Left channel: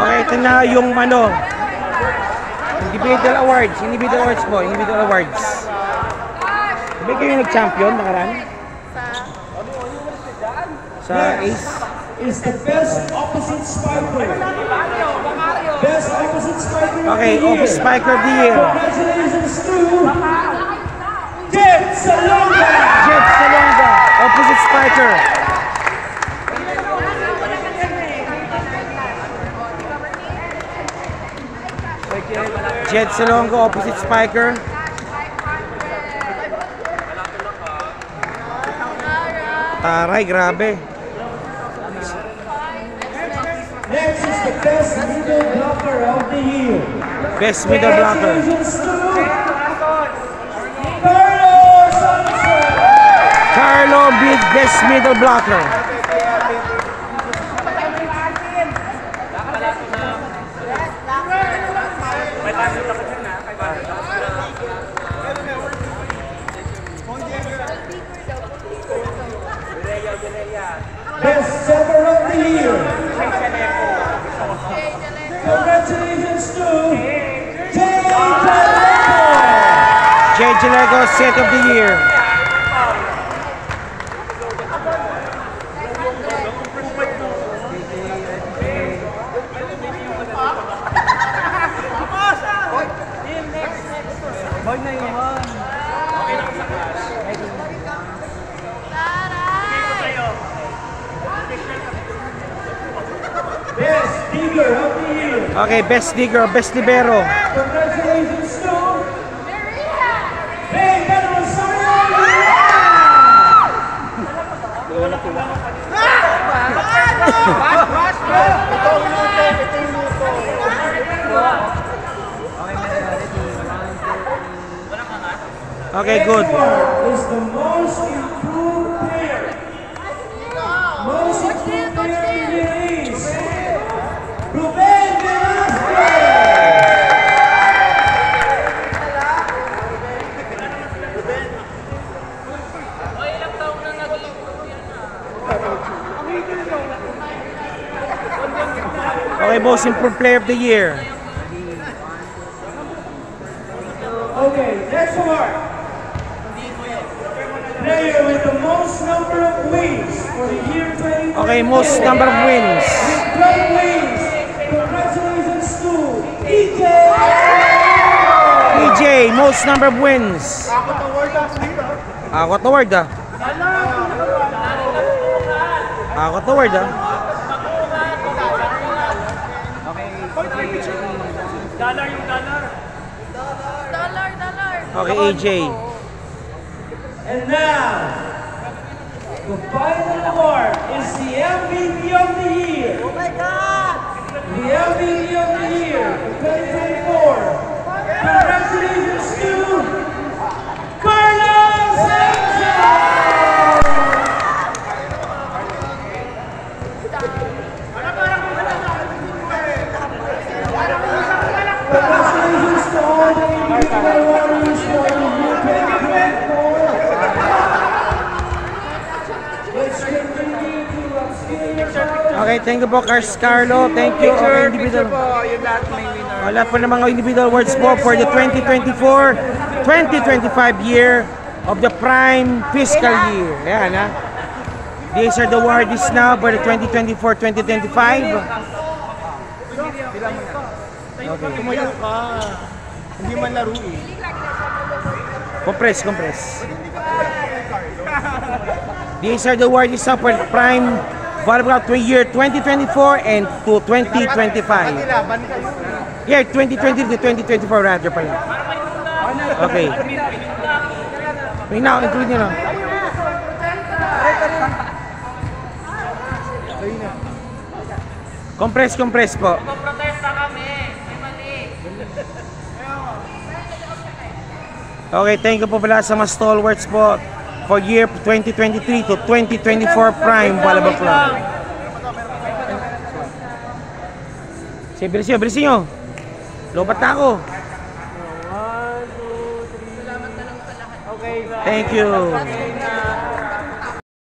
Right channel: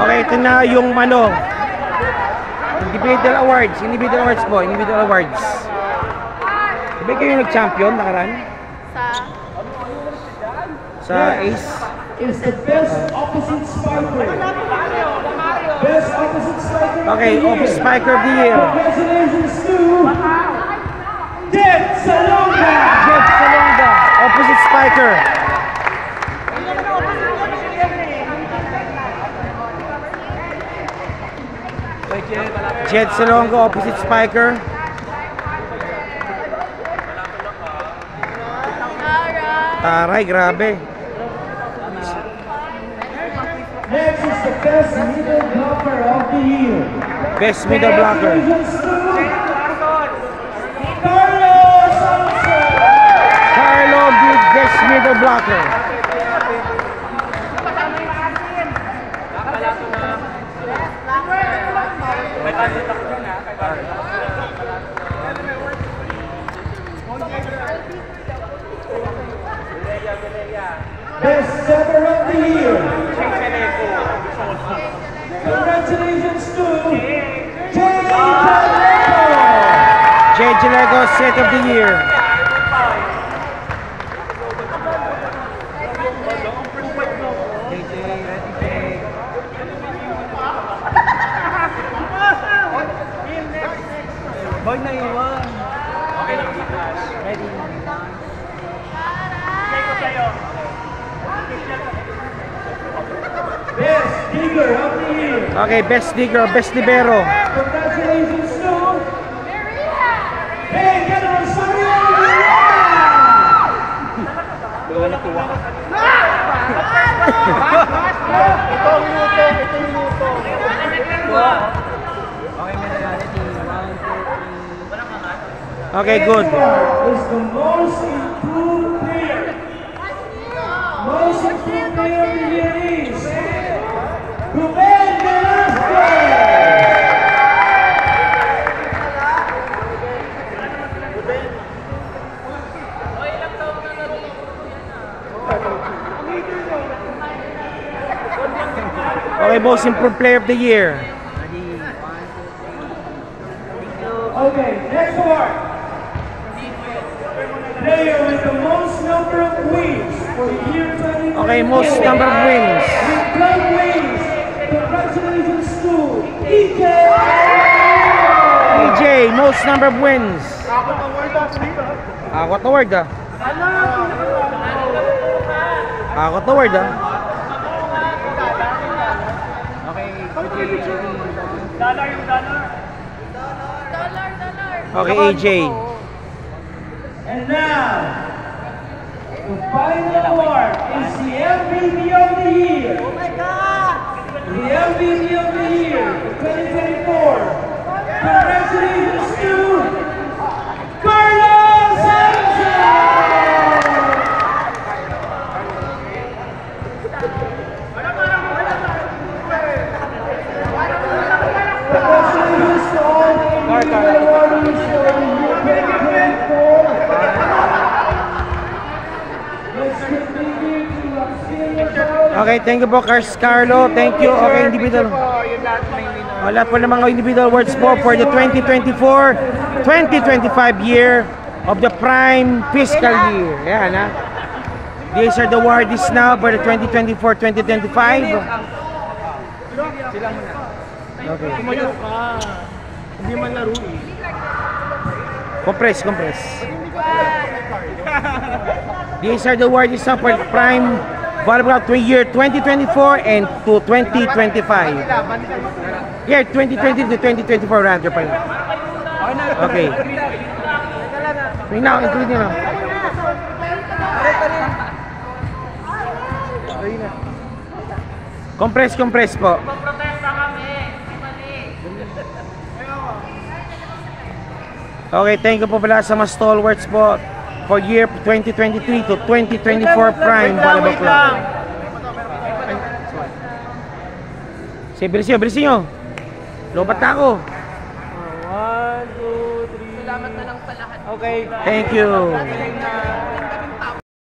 Okay, ito na yung ano, individual awards po, individual awards. Sabi kayo nag-champion nakaraan? Sa Ace? Is the best opposite spiker. Best opposite spiker. Okay, opposite spiker of the year. Congratulations to Jed Salonga. Jed Salonga, opposite spiker. Jed Salonga, opposite spiker. Taray, grabe. Next is the best middle blocker of the year. Best middle blocker. Congratulations to Carlos Sanchez. Carlo beat best middle blocker. Best setter of the year. Congratulations to Jed Jalego, set of the year. Best digger of the year. Okay, best digger, best libero. Congratulations to Hey, General Sario. Okay, good. Is the most improved player. Most improved player of the year is Ruben Velasquez. Okay, most improved player of the year. Okay, next award. Player with the most number of wins for the year 2024. Okay, most number of wins. With 12 wins. Congratulations to EJ. EJ, most number of wins. Akot award ah. Akot award ah. Okay, AJ. And now, the final award is the MVP of the year. Oh my God! The MVP of the year for 2024. Congratulations to Carlos Sanchez! Congratulations to all the individual awardees for the year 2024. Let's continue to Okay, thank you po, Carlo. Thank you. Okay, individual. Lahat po ng mga individual awards po for the 2024-2025 year of the prime fiscal year. Ayan ha. These are the awards now for the 2024-2025. Okay. Tumayo ka. Hindi man laro eh. Compress. These are the awards now for the prime volleyball year 2024 and to 2025. Yeah, 2020 to 2024 rather pala. Okay. Wait now, include nyo na. Compress po. Okay, thank you po pala sa mga stalwarts po for year 2023 to 2024 Prime Volleyball Club. Sige, bilisin nyo. Lobat na ako. 1, 2, 3. Salamat na lang sa lahat. Okay. Thank you.